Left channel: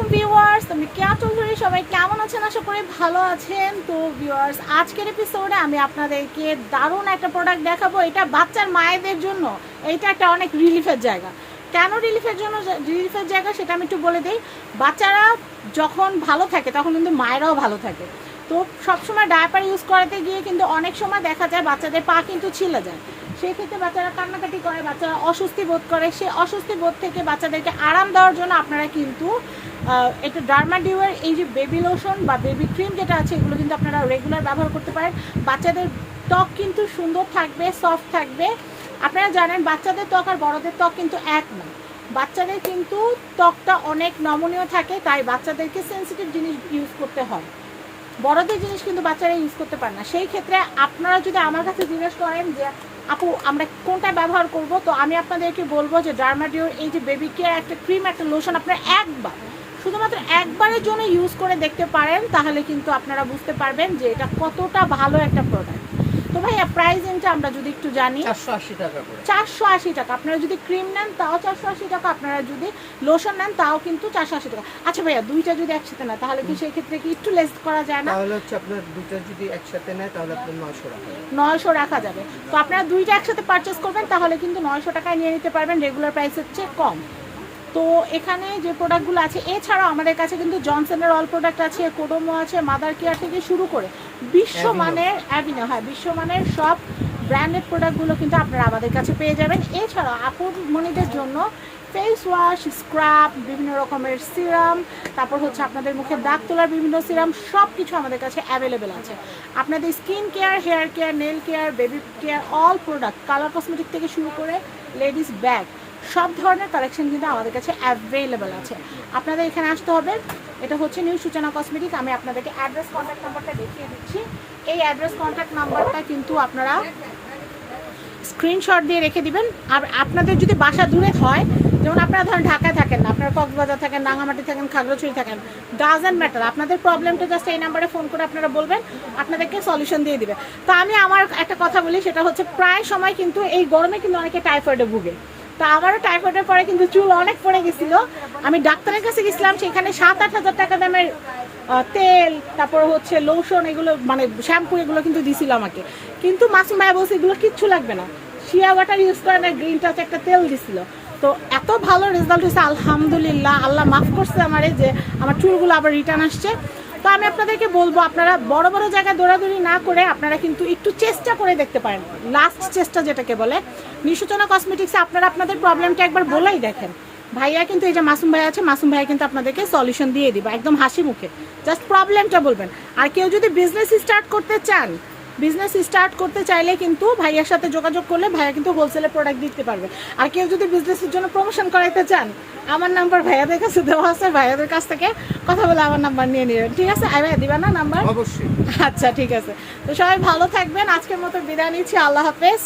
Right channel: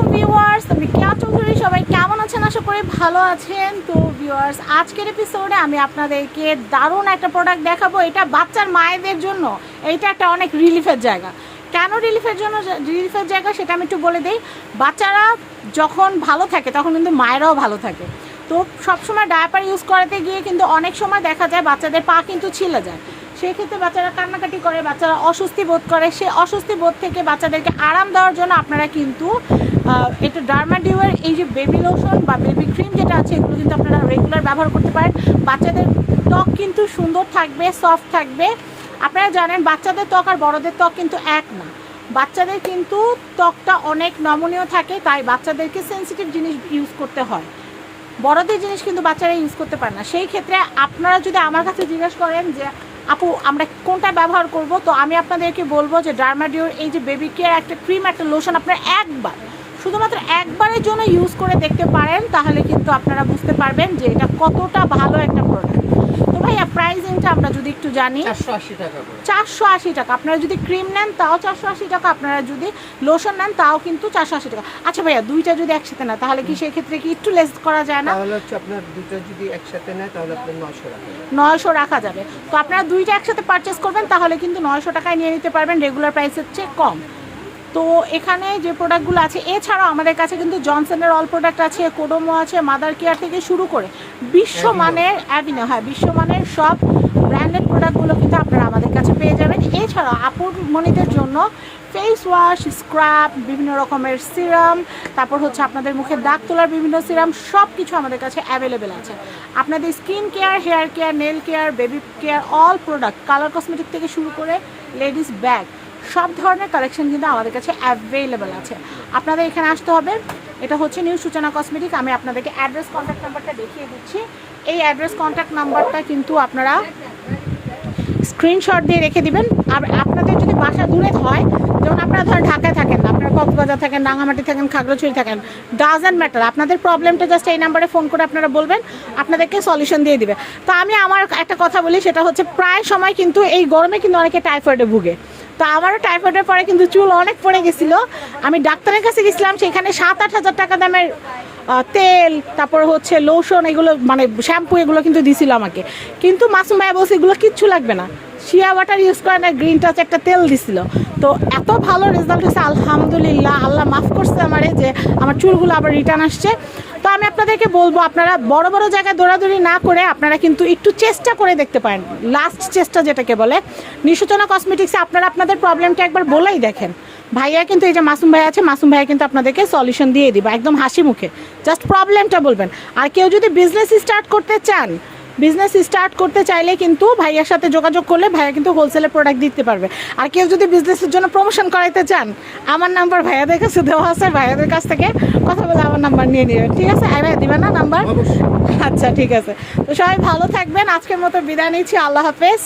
Viewers আমি কেয়া চৌধুরী, সবাই কেমন আছেন? আশা করি ভালো আছেন। তো ভিউয়ার্স আজকের এপিসোডে আমি আপনাদেরকে দারুণ একটা প্রোডাক্ট দেখাবো। এটা বাচ্চার মায়েদের জন্য। এইটা একটা অনেক রিলিফের জায়গা। কেন রিলিফের জন্য রিলিফের জায়গা সেটা আমি একটু বলে দিই। বাচ্চারা যখন ভালো থাকে, তখন কিন্তু মায়েরাও ভালো থাকে। তো সবসময় ডায়াপার ইউজ করাতে গিয়ে কিন্তু অনেক সময় দেখা যায় বাচ্চাদের পা কিন্তু ছিলে যায়। সেক্ষেত্রে বাচ্চারা কান্নাকাটি করে, বাচ্চারা অস্বস্তি বোধ করে। সে অস্বস্তি বোধ থেকে বাচ্চাদেরকে আরাম দেওয়ার জন্য আপনারা কিন্তু এটা ডার্মাডিউয়ের এই যে বেবি লোশন বা বেবি ক্রিম যেটা আছে, এগুলো কিন্তু আপনারা রেগুলার ব্যবহার করতে পারেন। বাচ্চাদের ত্বক কিন্তু সুন্দর থাকবে সফট থাকবে। আপনারা জানেন, বাচ্চাদের ত্বক আর বড়দের ত্বক কিন্তু এক না। বাচ্চাদের কিন্তু ত্বকটা অনেক নমনীয় থাকে, তাই বাচ্চাদেরকে সেন্সিটিভ জিনিস ইউজ করতে হয়। বড়দের জিনিস কিন্তু বাচ্চারা ইউজ করতে পারে না। সেই ক্ষেত্রে আপনারা যদি আমার কাছে জিজ্ঞেস করেন যে, আপু, আমরা কোনটা ব্যবহার করব? তো আমি আপনাদেরকে বলব যে ডার্মাডিওর এই যে বেবি কেয়ার একটা ক্রিম একটা লোশন আপনারা একবার শুধুমাত্র একবারের জন্য ইউজ করে দেখতে পারেন তাহলে কিন্তু আপনারা বুঝতে পারবেন যে এটা কতটা ভালো একটা প্রোডাক্ট তো ভাইয়া প্রাইসিংটা আমরা যদি একটু জানি চারশো আশি টাকা আপনারা যদি ক্রিম নেন তাও চারশো আশি টাকা। আপনারা যদি লোশন নেন তাও কিন্তু চারশো আশি টাকা। আচ্ছা ভাইয়া দুইটা যদি একসাথে না তাহলে কি সেক্ষেত্রে কি একটু লেস করা যায় না? তাহলে হচ্ছে আপনার দুটো যদি একসাথে নেয় তাহলে আপনার নয়শো টাকা যাবে। নয়শো রাখা যাবে। তো আপনারা দুইটা একসাথে পারচেস করবেন তাহলে কিন্তু নয়শো টাকায় নিয়ে নিতে পারবেন। রেগুলার প্রাইসের চেয়ে কম। তো এখানে যে প্রোডাক্টগুলো আছে, এছাড়াও আমাদের কাছে কিন্তু জনসনের অল প্রোডাক্ট আছে কোডোমো আছে মাদার কেয়ার থেকে শুরু করে বিশ্বমানের অ্যাভিনো হ্যাঁ বিশ্বমানের সব ব্র্যান্ডেড প্রোডাক্টগুলো কিন্তু আপনারা আমাদের কাছে পেয়ে যাবেন। এছাড়াও আপুর মনিদের জন্য ফেস ওয়াশ স্ক্রাব বিভিন্ন রকমের সিরাম তারপর হচ্ছে আপনাদের মুখে দাগ তোলার বিভিন্ন সিরাম সব কিছু আমাদের কাছে অ্যাভেলেবেল আছে। আপনাদের skin care hair care nail care baby care all product colour cosmetic থেকে শুরু করে লেডিস ব্যাগ সব ধরনের কালেকশন কিন্তু আমাদের কাছে অ্যাভেলেবেল আছে। আপনাদের এখানে আসতে হবে। এটা হচ্ছে নিউ সূচনা কসমেটিক আমি আপনাদেরকে অ্যাড্রেস কন্ট্যাক্ট নাম্বারটা দেখিয়ে দিচ্ছি। এই অ্যাড্রেস কন্ট্যাক্ট নাম্বারটা কিন্তু আপনারা স্ক্রিনশট দিয়ে রেখে দিবেন। আর আপনাদের যদি বাসা দূরে হয়, যেমন আপনারা ধরেন ঢাকায় থাকেন, আপনারা কক্সবাজার থাকেন রাঙামাটি থাকেন, খাগড়াছড়ি থাকেন ডাজেন্ট ম্যাটার আপনাদের প্রবলেমটা জাস্ট এই নাম্বারে ফোন করে আপনারা বলবেন, আপনাদেরকে সলিউশন দিয়ে দিবে। তো আমি আমার একটা কথা বলি, সেটা হচ্ছে প্রায় সময় কিন্তু এই গরমে কিন্তু অনেকে টাইফয়েডে ভুগে। তো আমারও টাইফয়েডের পরে কিন্তু চুল অনেক পড়ে গেছিল। আমি ডাক্তারের কাছে গেছিলাম, সেখানে সাত আট হাজার টাকা দামের তেল, তারপর হচ্ছে লোশন এগুলো মানে শ্যাম্পু এগুলো কিন্তু দিছিল আমাকে। কিন্তু মাসুম ভাই বলছে, এগুলো কিচ্ছু লাগবে না। শিয়া ওয়াটার ইউজ করে না গ্রিন টাচ একটা তেল দিছিল। তো এত ভালো রেজাল্ট হয়েছে, আলহামদুলিল্লাহ, আল্লাহ মাফ করছে আমারে যে আমার চুলগুলো আবার রিটার্ন আসছে। তো আমি আপনাদেরকে বলব, আপনারা বড় বড় জায়গায় দৌড়াদৌড়ি না করে আপনারা কিন্তু একটু চেষ্টা করে দেখতে পারেন। লাস্ট চেষ্টা যেটাকে বলে, নিশোচনা কসমেটিক্সে আপনারা আপনাদের প্রবলেমটা একবার বলেই দেখেন। ভাইয়া কিন্তু এই যে মাসুম ভাই আছে, মাসুম ভাইয়া কিন্তু আপনাদেরকে সলিউশন দিয়ে দিবে, একদম হাসি মুখে। জাস্ট প্রবলেমটা বলবেন। আর কেউ যদি বিজনেস স্টার্ট করতে চান বিজনেস স্টার্ট করতে চাইলে কিন্তু ভাইয়ার সাথে যোগাযোগ করলে ভাইয়া কিন্তু হোলসেলের প্রোডাক্ট দিতে পারবে। আর কেউ যদি বিজনেসের জন্য প্রমোশন করাইতে চান আমার নাম্বার ভাইয়াদের কাছে দেওয়া আছে ভাইয়াদের কাছ থেকে কথা বলে আমার নাম্বার নিয়ে নেবেন ঠিক আছে? আই ভাইয়া দিবেন না নাম্বার আচ্ছা ঠিক আছে। তো সবাই ভালো থাকবেন আজকের মতো বিদায় নিচ্ছি আল্লাহ হাফেজ।